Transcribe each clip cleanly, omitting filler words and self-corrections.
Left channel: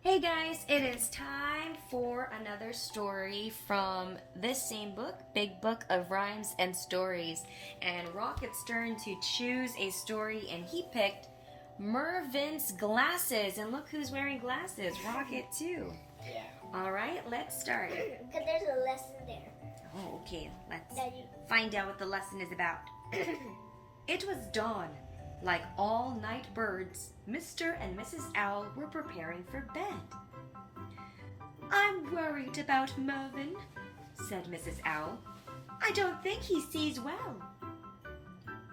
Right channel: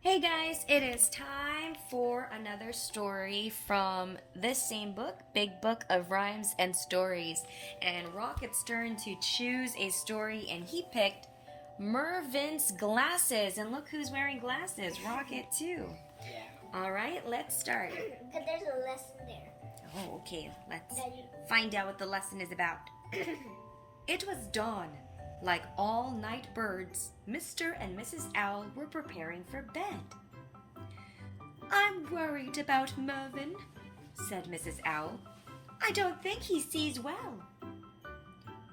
Hey guys, it is time for another story from this same book, Big Book of Rhymes and Stories. And Rocket's turn to choose a story, and he picked Mervyn's glasses. And look who's wearing glasses, Rocket too. Yeah. All right, let's start. Because there's a lesson there. Oh, okay, let's Daddy. find out what the lesson is about. It was dawn. Like all night birds, Mr. and Mrs. Owl were preparing for bed. "I'm worried about Mervyn," said Mrs. Owl. "I don't think he sees well."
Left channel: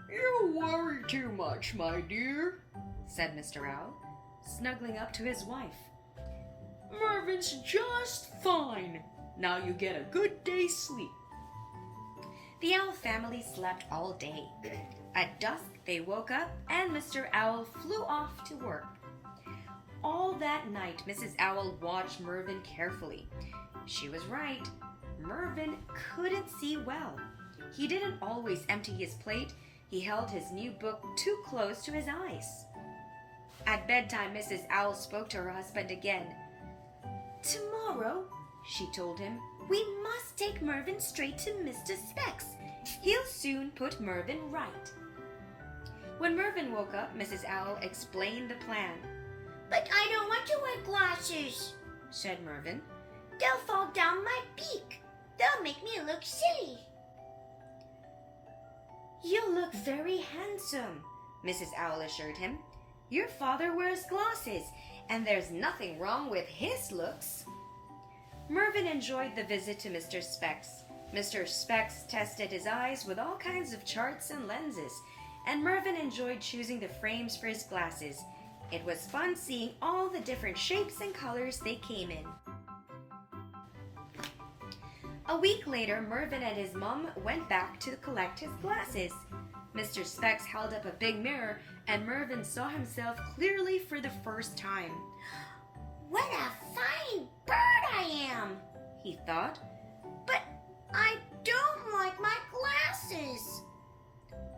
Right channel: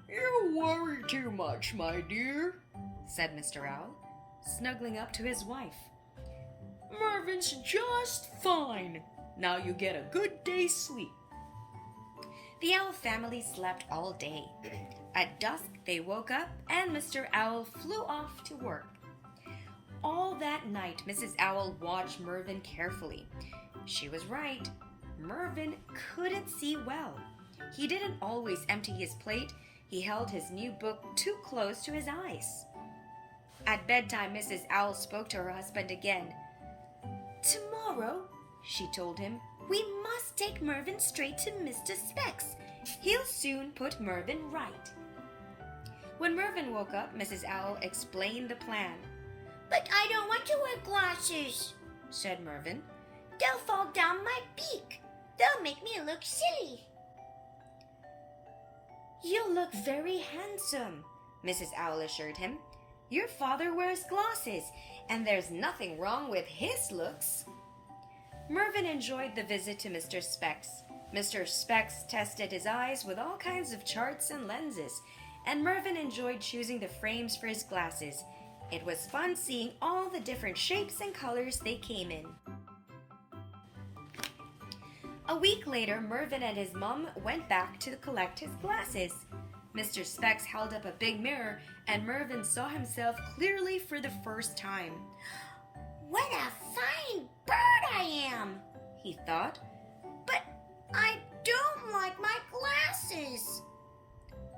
"You worry too much, my dear," said Mr. Owl, snuggling up to his wife. "Mervyn's just fine. Now you get a good day's sleep." The Owl family slept all day. At dusk, they woke up and Mr. Owl flew off to work. All that night, Mrs. Owl watched Mervyn carefully. She was right. Mervyn couldn't see well. He didn't always empty his plate. He held his new book too close to his eyes. At bedtime, Mrs. Owl spoke to her husband again. "Tomorrow," she told him, "we must take Mervyn straight to Mr. Specs. He'll soon put Mervyn right." When Mervyn woke up, Mrs. Owl explained the plan. "But I don't want to wear glasses," said Mervyn. "They'll fall down my beak. They'll make me look silly." "You'll look very handsome," Mrs. Owl assured him. "Your father wears glasses, and there's nothing wrong with his looks." Mervyn enjoyed the visit to Mr. Specs. Mr. Specs tested his eyes with all kinds of charts and lenses, and Mervyn enjoyed choosing the frames for his glasses. It was fun seeing all the different shapes and colors they came in. A week later, Mervyn and his mom went back to collect his glasses. Mr. Specs held up a big mirror, and Mervyn saw himself clearly for the first time. "What a fine bird I am," he thought. "But I don't like my glasses."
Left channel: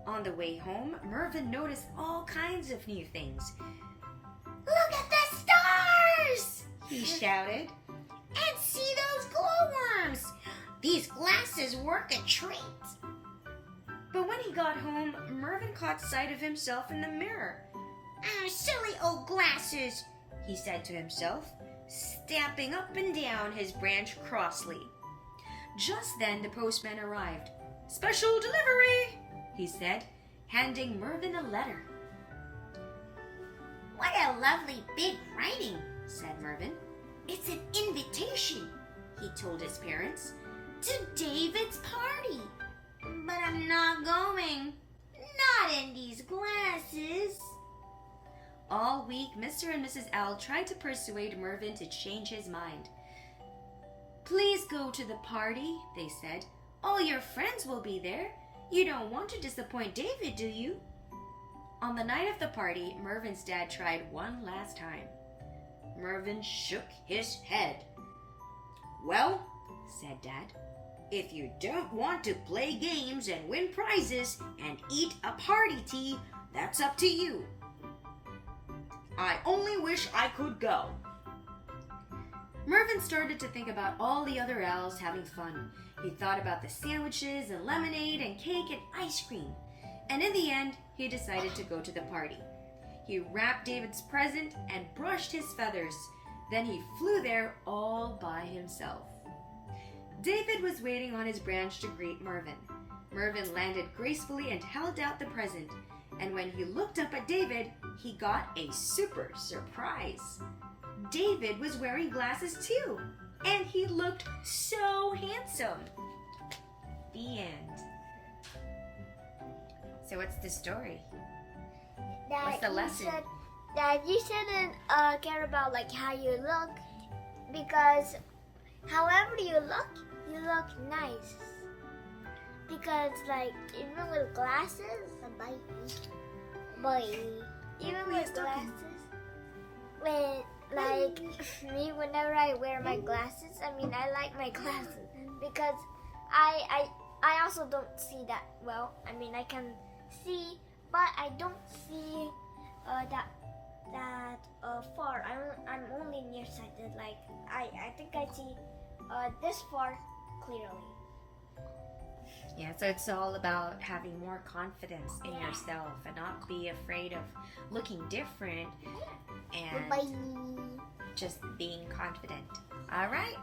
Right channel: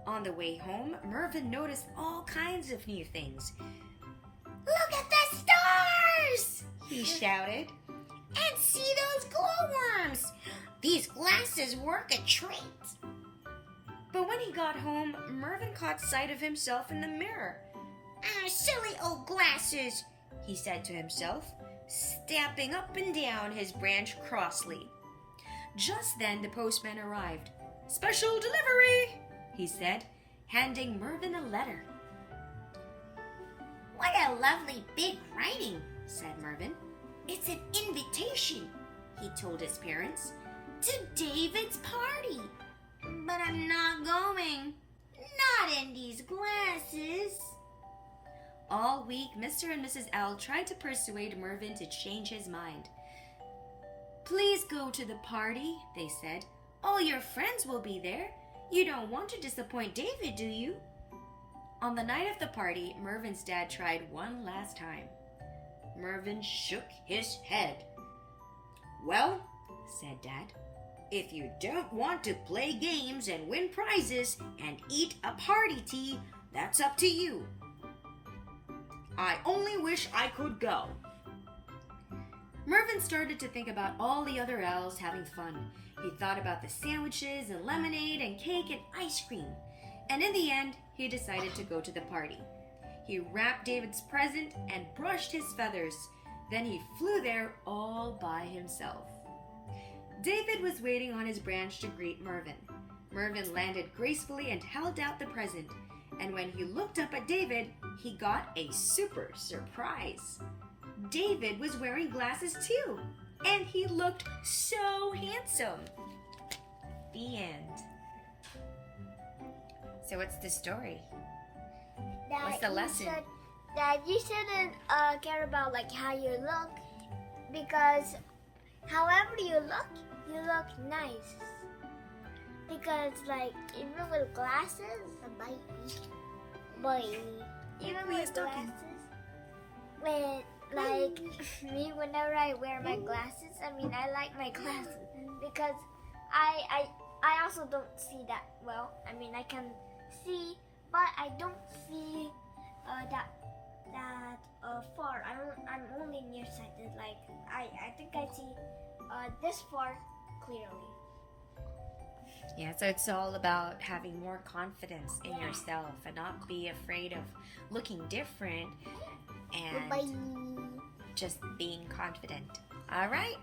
On the way home, Mervyn noticed all kinds of new things. "Look at the stars!" he shouted. "And see those glowworms! These glasses work a treat." But when he got home, Mervyn caught sight of himself in the mirror. Silly old glasses," he said to himself, stamping up and down his branch crossly. Just then the postman arrived. "Special delivery," he said, handing Mervyn a letter. "What a lovely big writing," said Mervyn. "It's an invitation," he told his parents, "to David's party. But I'm not going. Not in these glasses." All week, Mr. and Mrs. Owl tried to persuade Mervyn to change his mind. "Please go to the party," they said. "All your friends will be there. You don't want to disappoint David, do you?" On the night of the party, Mervyn's dad tried one last time. Mervyn shook his head. "Well," said Dad, "if you don't want to play games and win prizes and eat a party tea, that's up to you. I only wish I could go." Mervyn started to think about all the other owls having fun. He thought about the sandwiches and lemonade and cake and ice cream. And in the end, he decided to go to the party. He wrapped David's present and brushed his feathers. Then he flew there all by himself. David was waiting on his branch to greet Mervyn. Mervyn landed gracefully and held out the present. And when he looked up at David, he got a super surprise. David was wearing glasses too, and he looked so handsome. The end. So what's the story? What's the lesson? Dad, you shouldn't care about like how you look, because however you look nice. Because like even with glasses, even with glasses, when like me, whenever I wear my glasses, I like my glasses because I also don't see that well. I can see, but I don't see that that far. I'm only nearsighted. Like I think I see this far clearly. Yeah, so it's all about having more confidence in Yeah. yourself and not be afraid of looking different and Bye. just being confident. All right?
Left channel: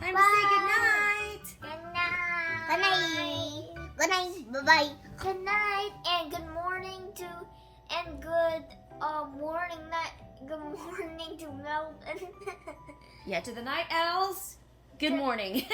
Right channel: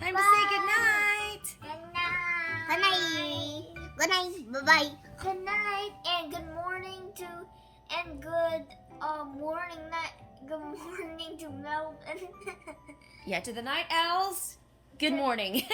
Time to Bye. say goodnight. Good night. Good night. Good night. Bye-bye. Good night and good morning to and good morning to Melvin. Yeah, to the night owls, good morning.